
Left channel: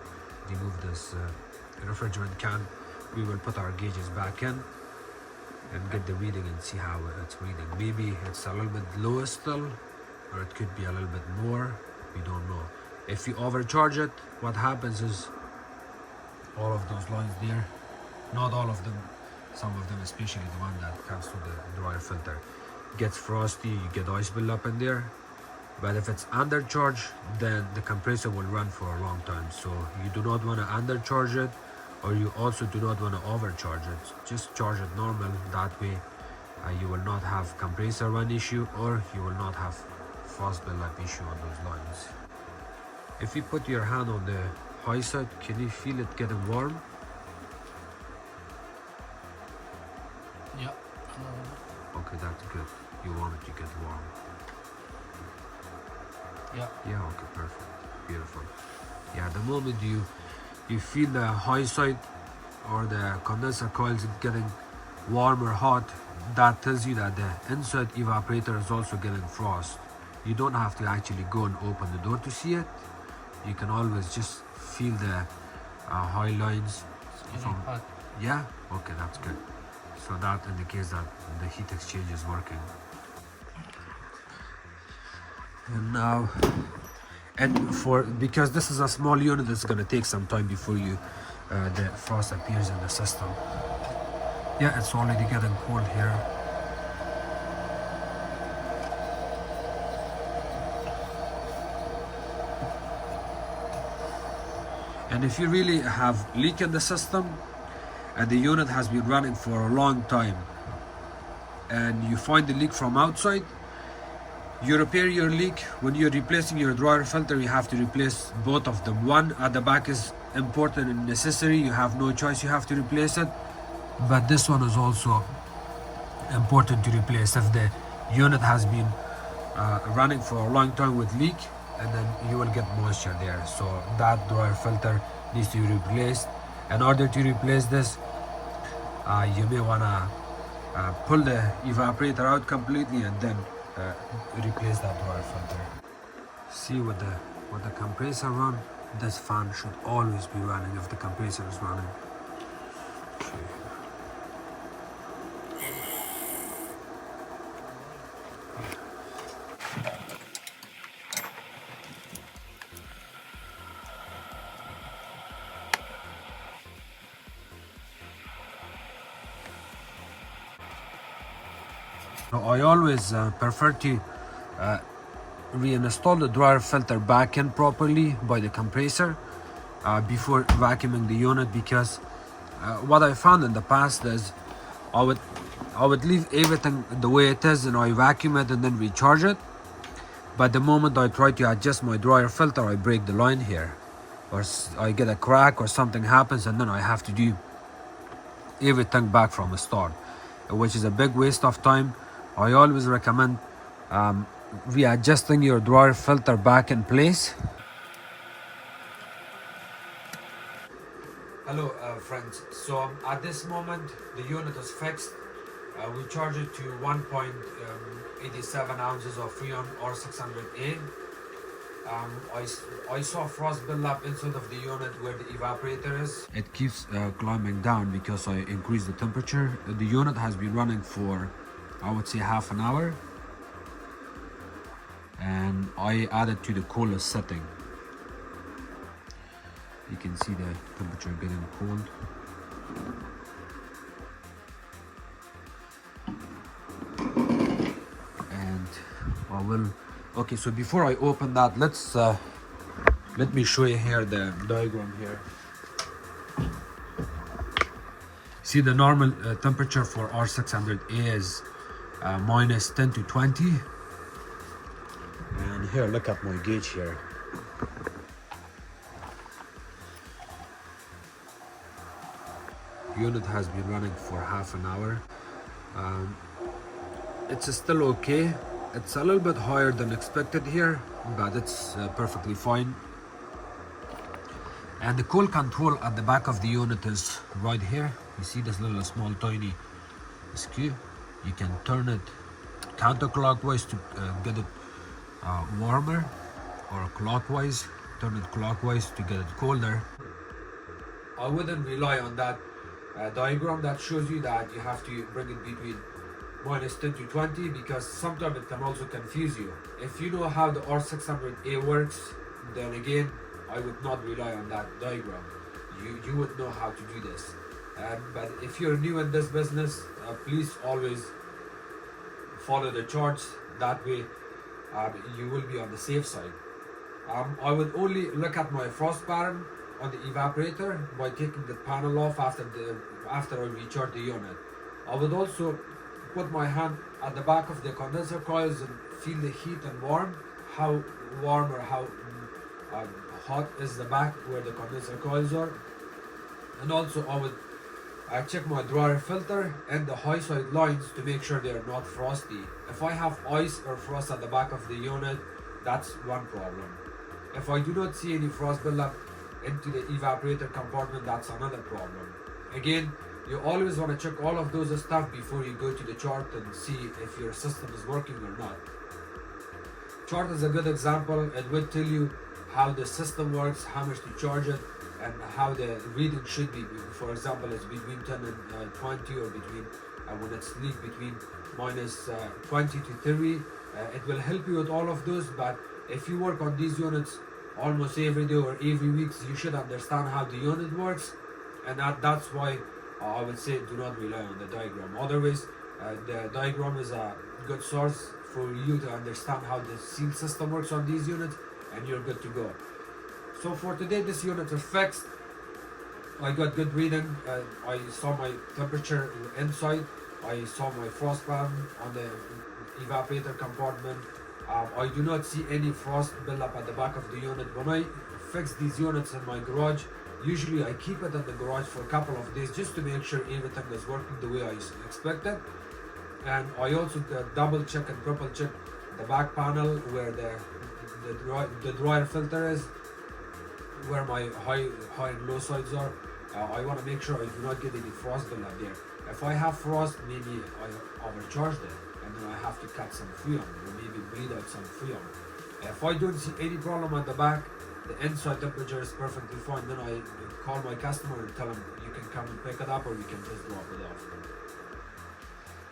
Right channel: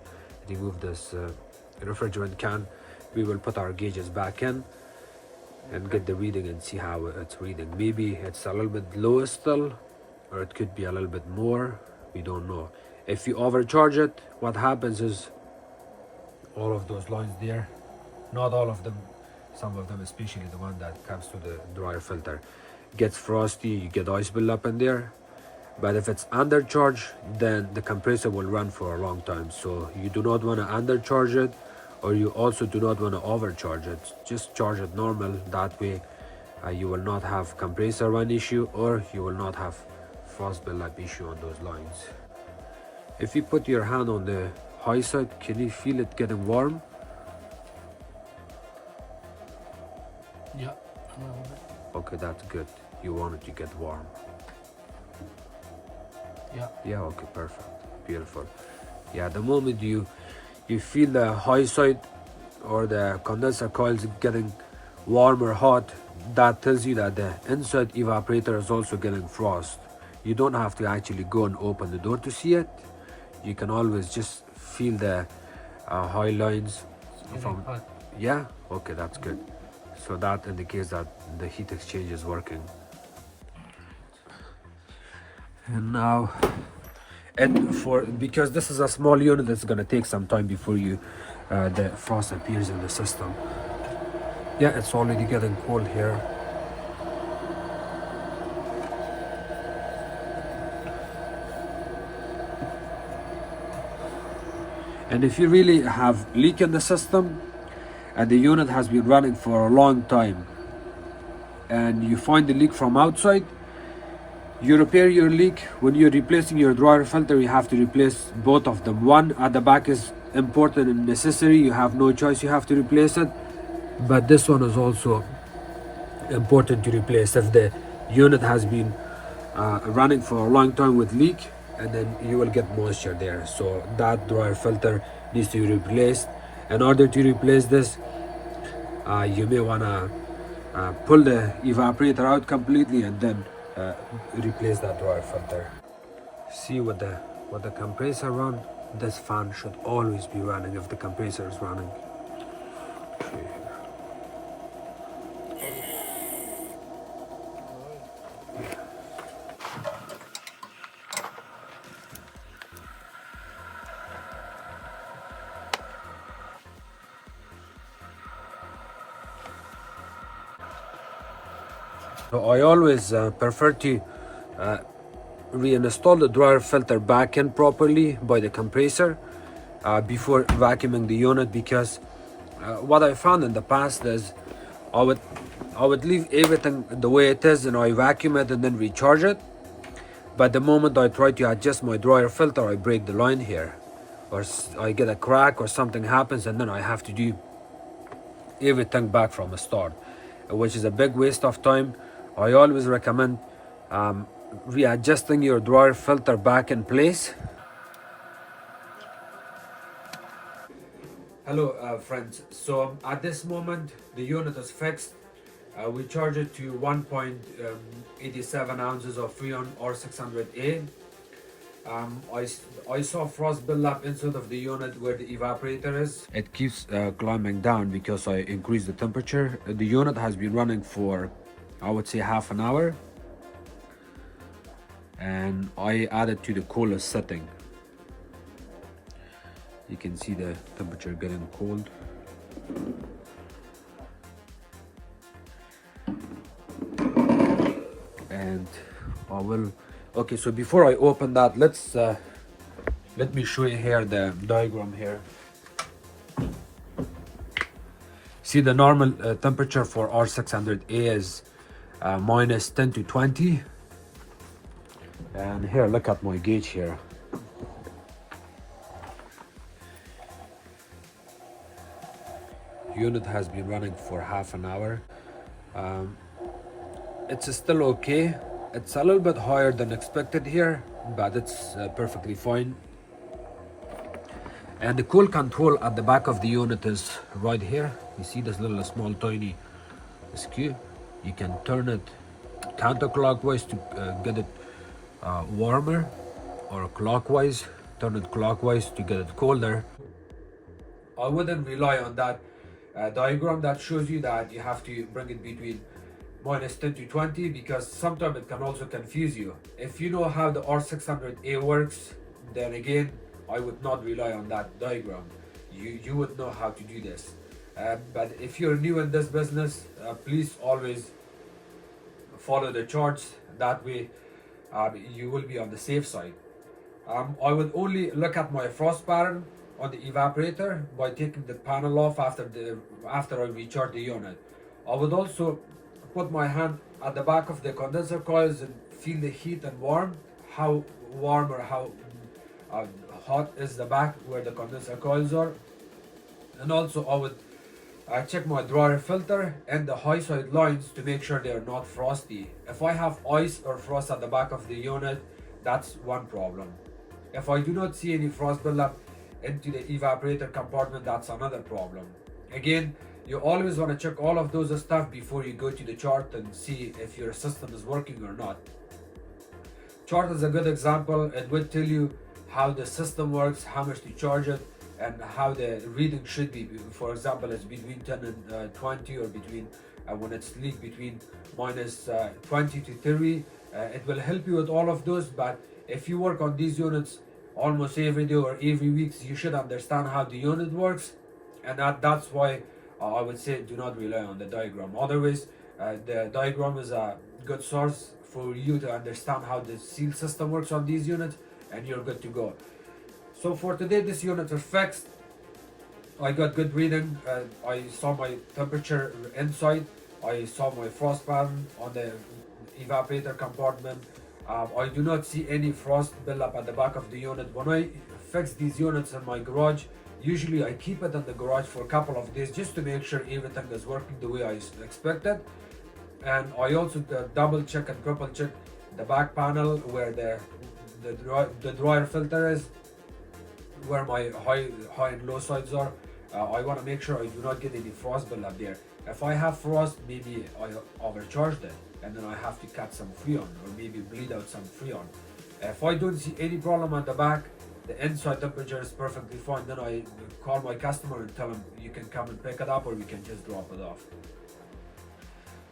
remove this refrigerant can, we will put our gauges back in and get the reading and see how it's reading. Maybe it's a little bit lower still, or it could be a little bit more. We don't know. If you overcharge it, what happens is all of those lines there, not all of them, some of them, especially the one that comes to the dryer filter, gets frosty, you get ice build up in there. But if it's undercharged, then the compressor will run for a long time. So you do not want to undercharge it, or you also do not want to overcharge it. Just charge it normal. That way you will not have compressor run issue, or you will not have frost build-up issue on those lines. If you put your hand on the high side, can you feel it getting warm? yeah. Okay, that's good. You want it to get warm. Yeah. Yeah, okay, perfect. Beautiful. Yeah, the moment you feel the high side or the condenser coils getting warm or hot, that tells you that the inside evaporator is also getting frost. You don't have to actually go and open the door to see it. You can always just feel the high lines Getting from. hot. Yeah, okay, that's good. So that indicates that the heat exchange is working. And now, and for because this is a small unit, it's gonna take some time before the frost appears in the system. Yeah, it's already getting cold here. And if you really have leak in the system and the unit has been running for a long time and you find the leak from outside, you repair your leak. When you're replacing your dryer filter, you have to replace both of them. One at the back is important and necessary. You have no choice, you have to replace it. But this one is also important to replace if the unit has been running for a long time with leak, and then you will get moisture there. So that dryer filter needs to be replaced. In order to replace this, you may want to pull the evaporator out completely and then replace that dryer filter. See with the compressor run, this fan should always be running if the compressor is running. So I always prefer to reinstall the dryer filter back in properly by the compressor before vacuuming the unit, because what I found in the past is I would leave everything the way it is and I vacuum it and then recharge it. But the moment I try to adjust my dryer filter, I break the line here, or I get a crack or something happens, and then I have to do everything back from the start, which is a big waste of time. I always recommend readjusting your dryer filter back in place. Hello friends, so at this moment the unit is fixed. We charge it to 1.87 ounces of Freon R600A. I saw frost build up inside of the unit where the evaporator is. It keeps climbing down because I increased the temperature. The unit has been running for, I would say, half an hour, and I added to the coolest setting. You can see the temperature getting cold. And I will, okay, so before I open that, let me show you here the diagram here. See, the normal temperature for R600A is minus 10 to 20. And here, look at my gauge here. Unit has been running for half an hour. It's still okay. It's a little bit higher than expected here, but it's perfectly fine. And the cool control at the back of the unit is right here. You see this little small tiny screw. You can turn it counterclockwise to get it warmer, or clockwise, turn it clockwise to get it colder. I wouldn't rely on that diagram that shows you that you have to bring it between minus 10 to 20, because sometimes it can also confuse you. If you know how the R600A works, then again, I would not rely on that diagram. You would know how to do this. But if you're new in this business, please always follow the charts. That way you will be on the safe side. I would only look at my frost pattern on the evaporator by taking the panel off after I recharge the unit. I would also put my hand at the back of the condenser coils and feel the heat and how warm or how hot is the back where the condenser coils are. And also I would check my dryer filter and the high side lines to make sure they are not frosty. If I have ice or frost at the back of the unit, That's one problem. If I do not see any frost buildup into the evaporator compartment, that's another problem. Again, you always want to check all of those stuff before you go to the chart and see if your system is working or not. Chart is a good example. It will tell you how the system works, how much to charge it, and how the reading should be. For example, it's between 10 and 20, or between when it's leak between minus 20 to 30. It will help you with all of those, but if you work on these units almost every day or every week, you should understand how the unit works, and that's why I would say do not rely on the diagram. Otherwise, the diagram is a good source for you to understand how the seal system works on these units, and you're good to go. So for today, this unit is fixed. I got good reading. I saw my temperature inside. I saw my frost pattern on the evaporator compartment. I do not see any frost buildup at the back of the unit. When I fix these units in my garage, usually I keep it in the garage for a couple of days just to make sure everything is working the way I expected. And I also double check and triple check the back panel where the dryer filter is, where my high and low sides are. I want to make sure I do not get any frost buildup there. If I have frost, maybe I overcharged it, and then I have to cut some freon or maybe bleed out some freon. If I don't see any problem at the back, the inside temperature is perfectly fine, then I call my customer and tell them you can come and pick it up, or you can just drop it off.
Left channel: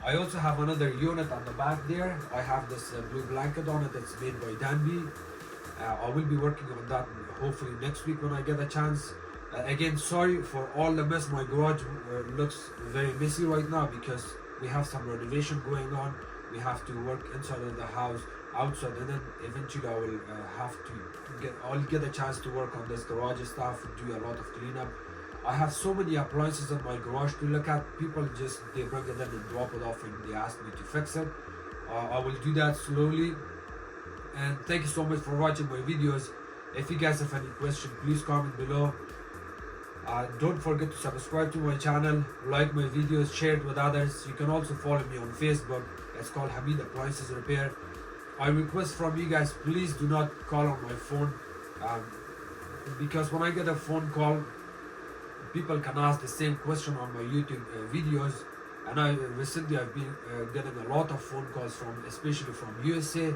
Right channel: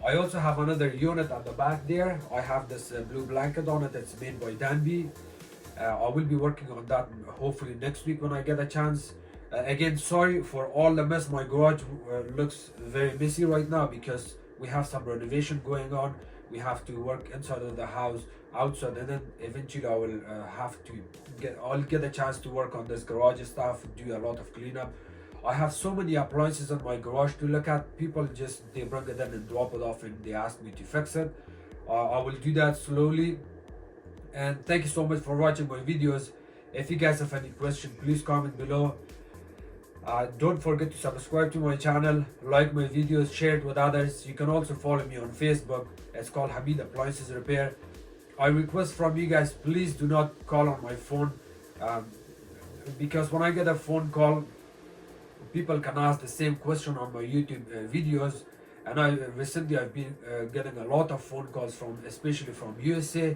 I also have another unit at the back there. I have this blue blanket on it. It's made by Danby. I will be working on that hopefully next week when I get a chance. Again, sorry for all the mess. My garage looks very messy right now because we have some renovation going on. We have to work inside of the house, outside, and then eventually I will I'll get a chance to work on this garage stuff, do a lot of cleanup. I have so many appliances in my garage to look at. People they bring it in and drop it off, and they ask me to fix it. I will do that slowly. And thank you so much for watching my videos. If you guys have any questions, please comment below. Don't forget to subscribe to my channel, like my videos, share it with others. You can also follow me on Facebook. It's called Hamid Appliances Repair. I request from you guys, please do not call on my phone, because when I get a phone call, people can ask the same question on my YouTube videos. And recently I've been getting a lot of phone calls especially from USA,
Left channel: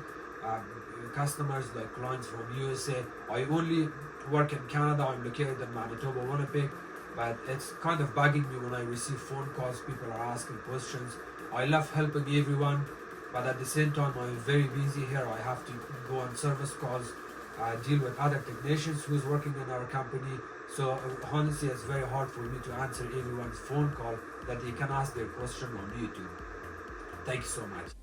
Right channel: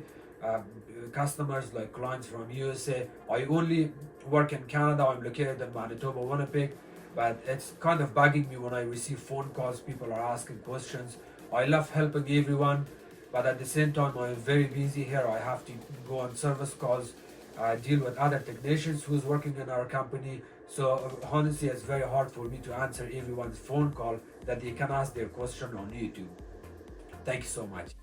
customers, like clients from USA. I only work in Canada. I'm located in Manitoba, Winnipeg, but it's kind of bugging me when I receive phone calls. People are asking questions. I love helping everyone, but at the same time I'm very busy here. I have to go on service calls, deal with other technicians who's working in our company. So honestly, it's very hard for me to answer everyone's phone call that they can ask their question on YouTube. Thank you so much.